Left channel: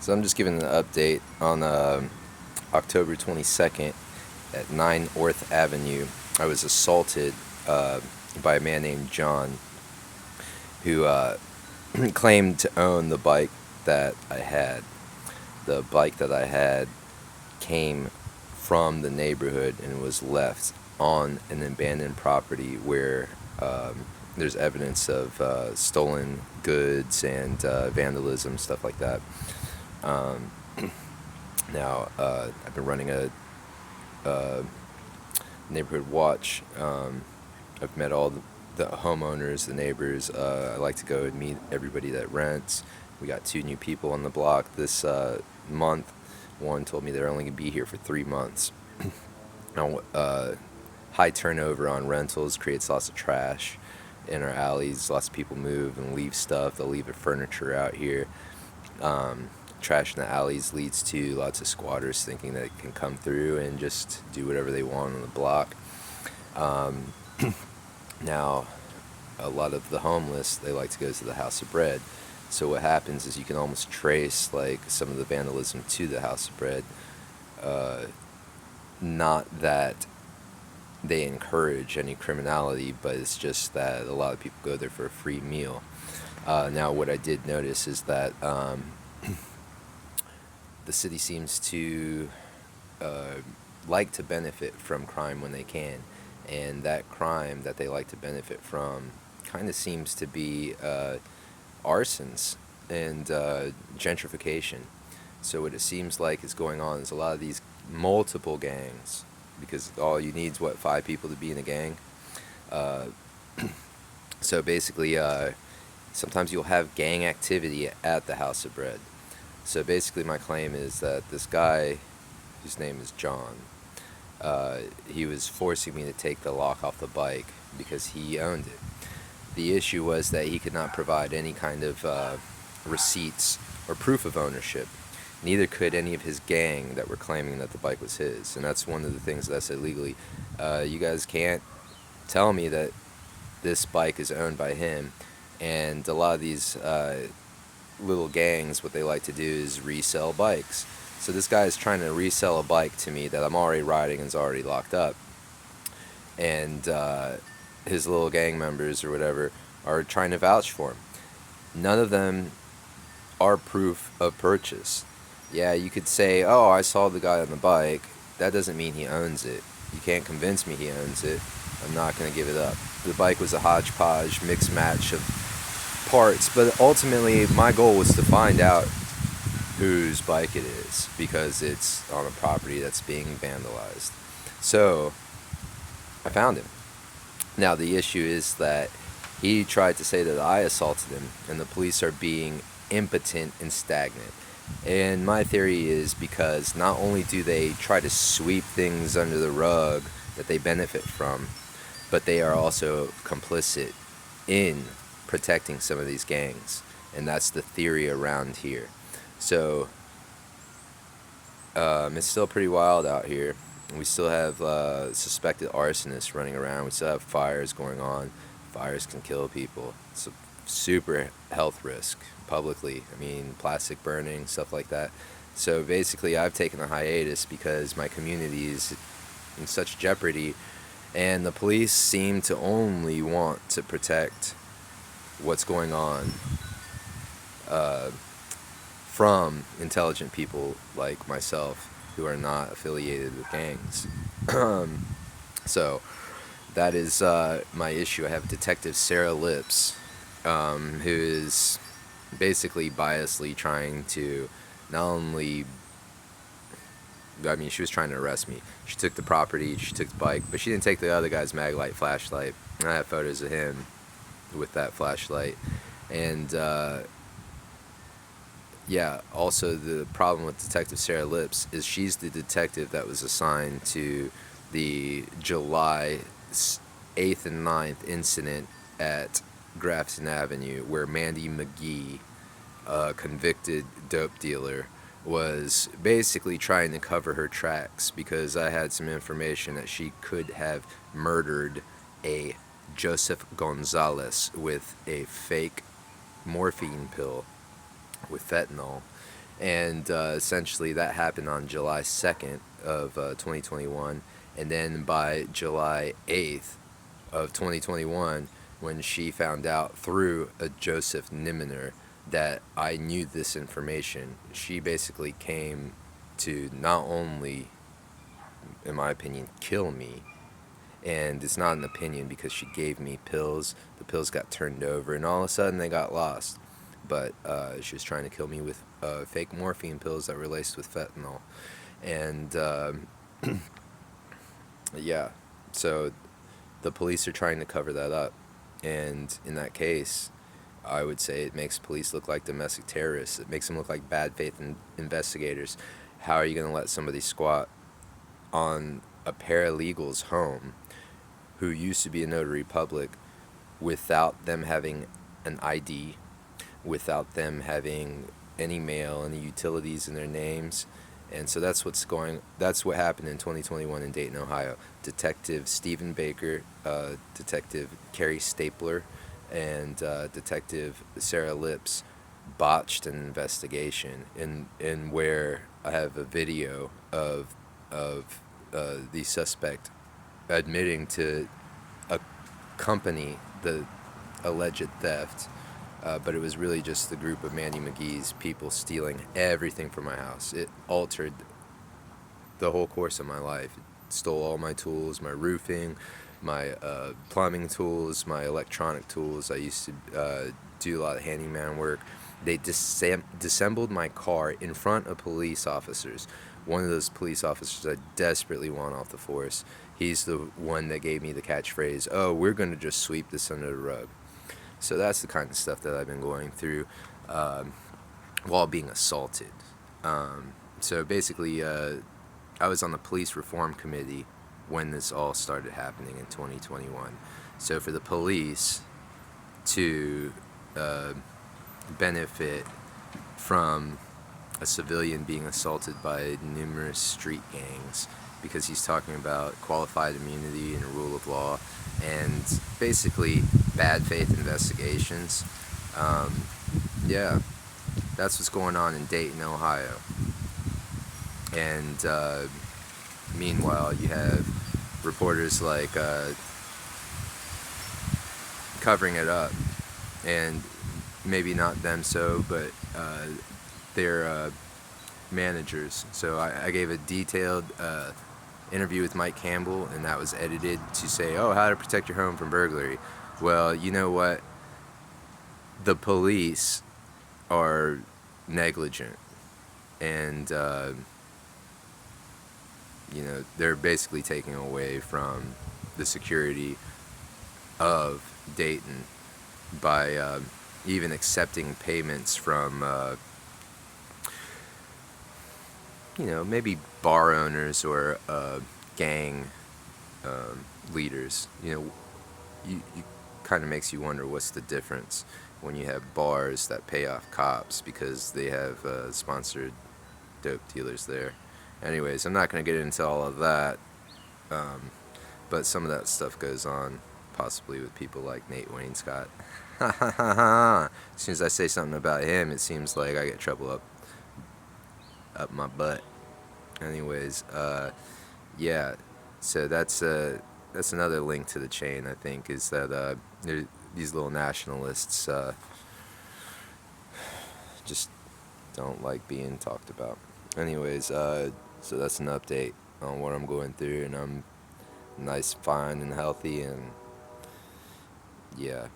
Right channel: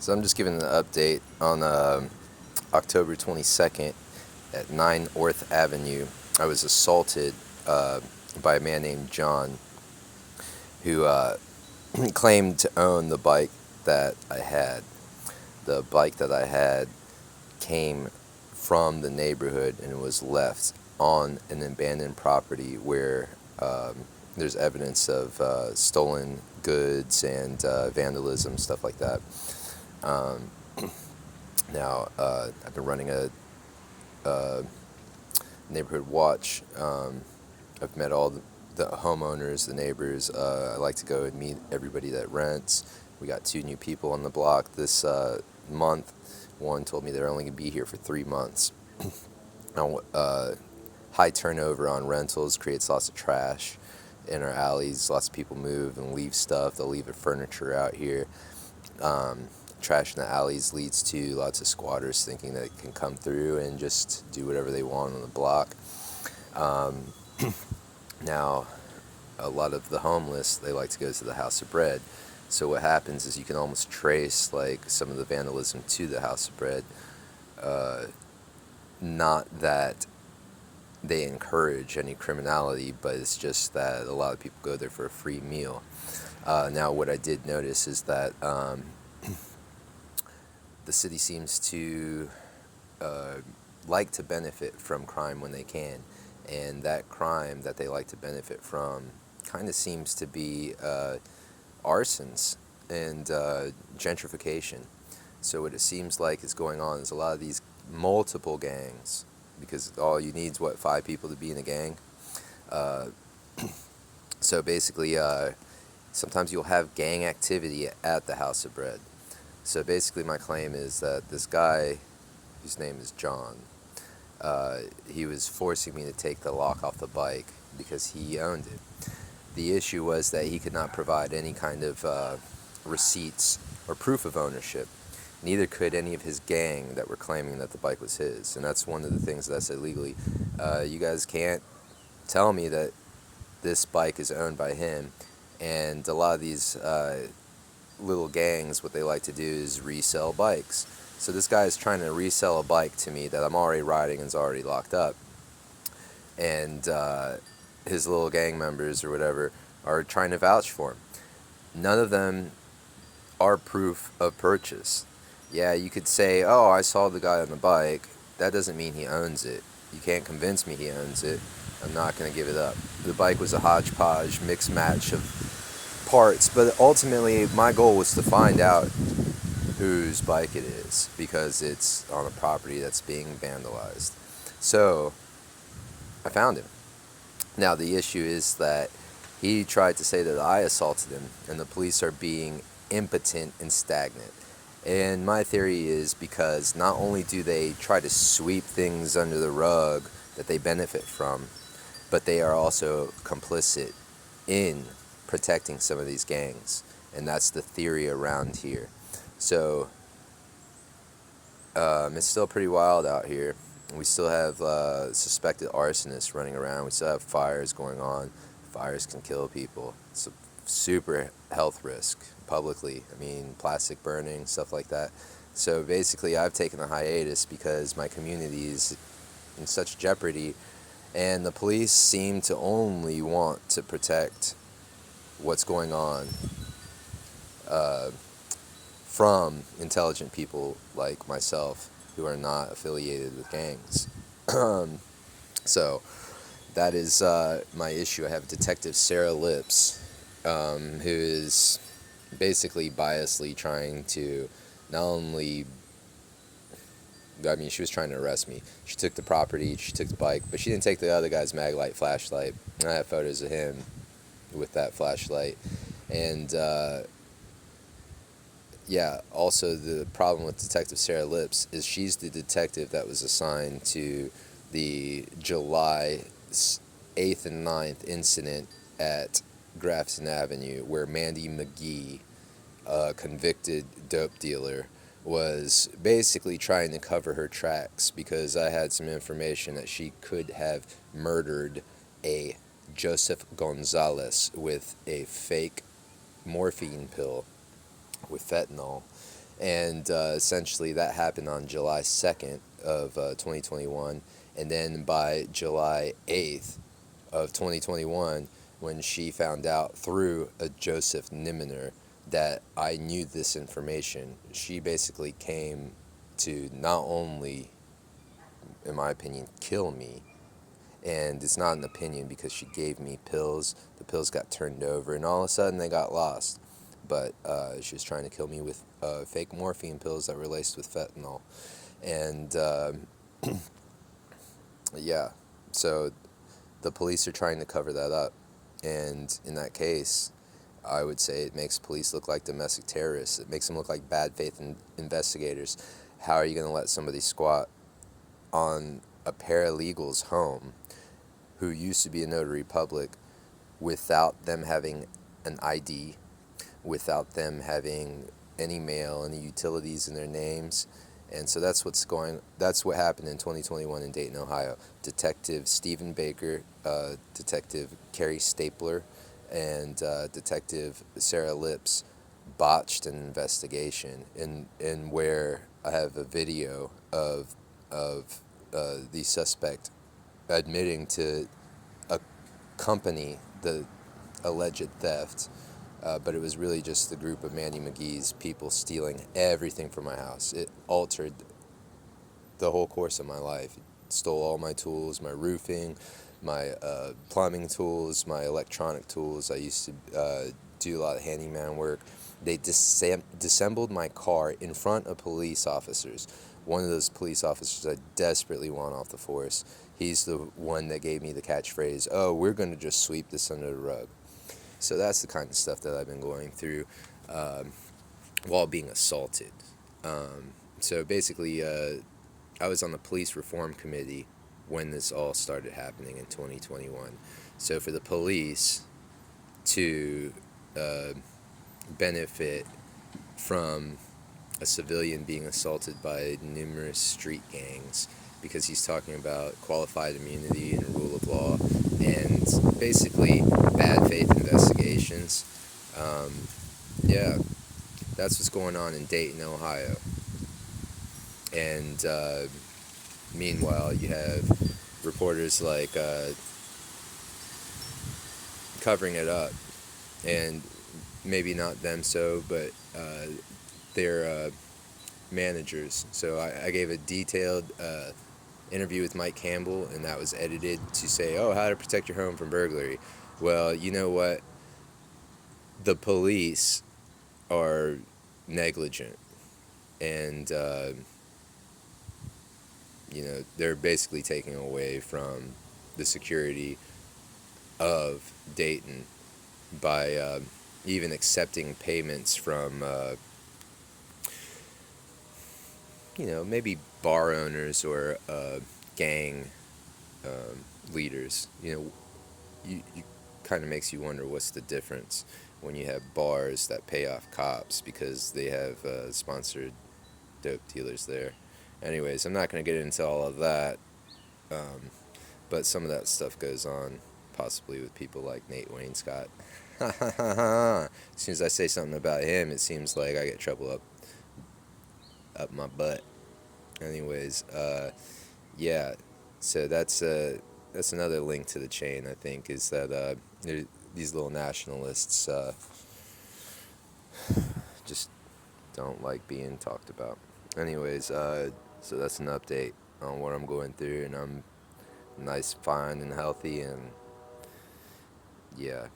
So I'm just giving an update on October 22nd at 9 Orth Avenue. I was assaulted by a man named John who claimed to own the bike that I had. The bike that I had came from the neighborhood and was left on an abandoned property where there's evidence of stolen goods and vandalism, stuff like that. Um, I've been running a neighborhood watch. I've met all the homeowners, the neighbors. I like to go and meet everybody that rents. We got 2 new people on the block this month. One told me they're only going to be here for 3 months. Now, high turnover on rentals creates lots of trash in our alleys. Lots of people move and leave stuff. They'll leave their furniture out here. Trash in the alleys leads to lots of squatters thinking that it can come through and just do whatever they want on the block. Um, Now, a lot of the homeless, they like to go to the House of Bread. So what happens is you can almost trace like some of the vandalism to the House of Bread. Not that they encourage any criminality, but it's just that a lot of people go there for a free meal. Now, what I did notice is that the city seems to like to benefit from crime when they can, and that crime that they like to benefit from kind of seems to be arsons and gentrification. So what it seems like is going on is a lot of these multiple gangs, because all you need is 5 people to be in a gang. Uh, so basically, sometimes you'll have gang activity at the House of Bread. So basically, my claim is that this guy, whose name is John, he was forcing me to take the lock off the bike because he owned it. The issue was that he could not provide any kind of receipts or proof of ownership. Neither could any of his gang that were claiming that the bike was his. And that's one of the things that's illegally. You guys can't tell me that this bike is owned by him. And a lot of these little gangs, what they like to do is resell bikes. So this guy is trying to resell a bike to me that I'm already riding and is already locked up. And his little gang members or whatever are trying to vouch for him. None of them are proof of purchase. Yeah, you could say, oh, I saw the guy on the bike. That doesn't mean he owns it. You can't convince me he owns it. I'm not going to give it up. The bike was a hodgepodge, mixed match of parts, but ultimately my goal was to find out whose bike it is, because it's on a property that's being vandalized. So I found him. Now the issue is that he tried to say that I assaulted him, and the police are being impotent and stagnant. And my theory is because not only do they try to sweep things under the rug that they benefit from, but they are also complicit in protecting some of these gangs. And that's the theory around here. So it's still pretty wild out here. We still have suspected arsonists running around. We still have fires going on. Fires can kill people. It's a super health risk publicly. I mean, plastic burning, stuff like that. So basically, I've taken a hiatus because my community is in such jeopardy, and the police seem to only want to protect what's going on from intelligent people like myself who are not affiliated with gangs. So that is my issue. I have Detective Sara Lipps, who is basically biasly trying to not only, I mean, she was trying to arrest me. She took the property, she took the bike, but she didn't take the other guy's Maglite flashlight. I have photos of him with that flashlight. And yeah, also the problem with Detective Sara Lipps is she's the detective that was assigned to the July 8th and 9th incident at Grafton Avenue, where Mandy McGee, a convicted dope dealer, was basically trying to cover her tracks because I had some information that she could have murdered a Joseph Gonzalez with a fake morphine pill with fentanyl, And essentially that happened on July 2nd of 2021. And then by July 8th of 2021, when she found out through a Joseph Niminer that I knew this information, she basically came to not only, in my opinion, kill me. And it's not an opinion because she gave me pills. The pills got turned over, and all of a sudden they got lost. But she was trying to kill me with fake morphine pills that were laced with fentanyl. And yeah, so the police are trying to cover that up. And in that case, I would say it makes police look like domestic terrorists. It makes them look like bad faith investigators. How are you going to let somebody squat on a paralegal's home who used to be a notary public without them having an ID, without them having any mail, any utilities in their names? And so that's what happened in 2021 in Dayton, Ohio. Detective Stephen Baker, Detective Carrie Stapler, and Detective Sara Lipps botched an investigation in where I have a video of the suspect admitting to accompany the alleged theft, but it was really just the group of Mandy McGee's people stealing everything from my house. It altered the whole course of my life. It stole all my tools, my roofing, my plumbing tools, my electronic tools. I used to do a lot of handyman work. They disassembled my car in front of police officers. One of those police officers I desperately want off the force. He's the one that gave me the catchphrase, "Oh, we're going to just sweep this under the rug." So that's the kind of stuff that I've been going through while being assaulted. So basically, I was on the police reform committee when this all started happening in 2021. So for the police to benefit from a civilian being assaulted by numerous street gangs because he's talking about qualified immunity and rule of law and basically bad faith investigations. Yeah, that's what's going on in Dayton, Ohio. And meanwhile, you have reporters like covering it up, and maybe not them so, but their managers. So I gave a detailed interview with Mike Campbell, and that was edited to say, "Oh, how to protect your home from burglary." Well, you know what? The police are negligent, and they're basically taking away from the security of Dayton by even accepting payments from maybe bar owners or gang leaders. You kind of makes you wonder what's the difference when you have bars that pay off cops because they have sponsored dope dealers there. Anyways, I'm not going to get into all of that, but some of that stuff goes on possibly with people like Nate Wainscott. As soon as I say something about him, it seems like I get trouble up my butt. Anyways, yeah, so that's another link to the chain, I think, is that these little nationalists just don't like being talked about. Anyways, so that's an update on what I'm going through, and I'm nice, fine, and healthy, and yeah.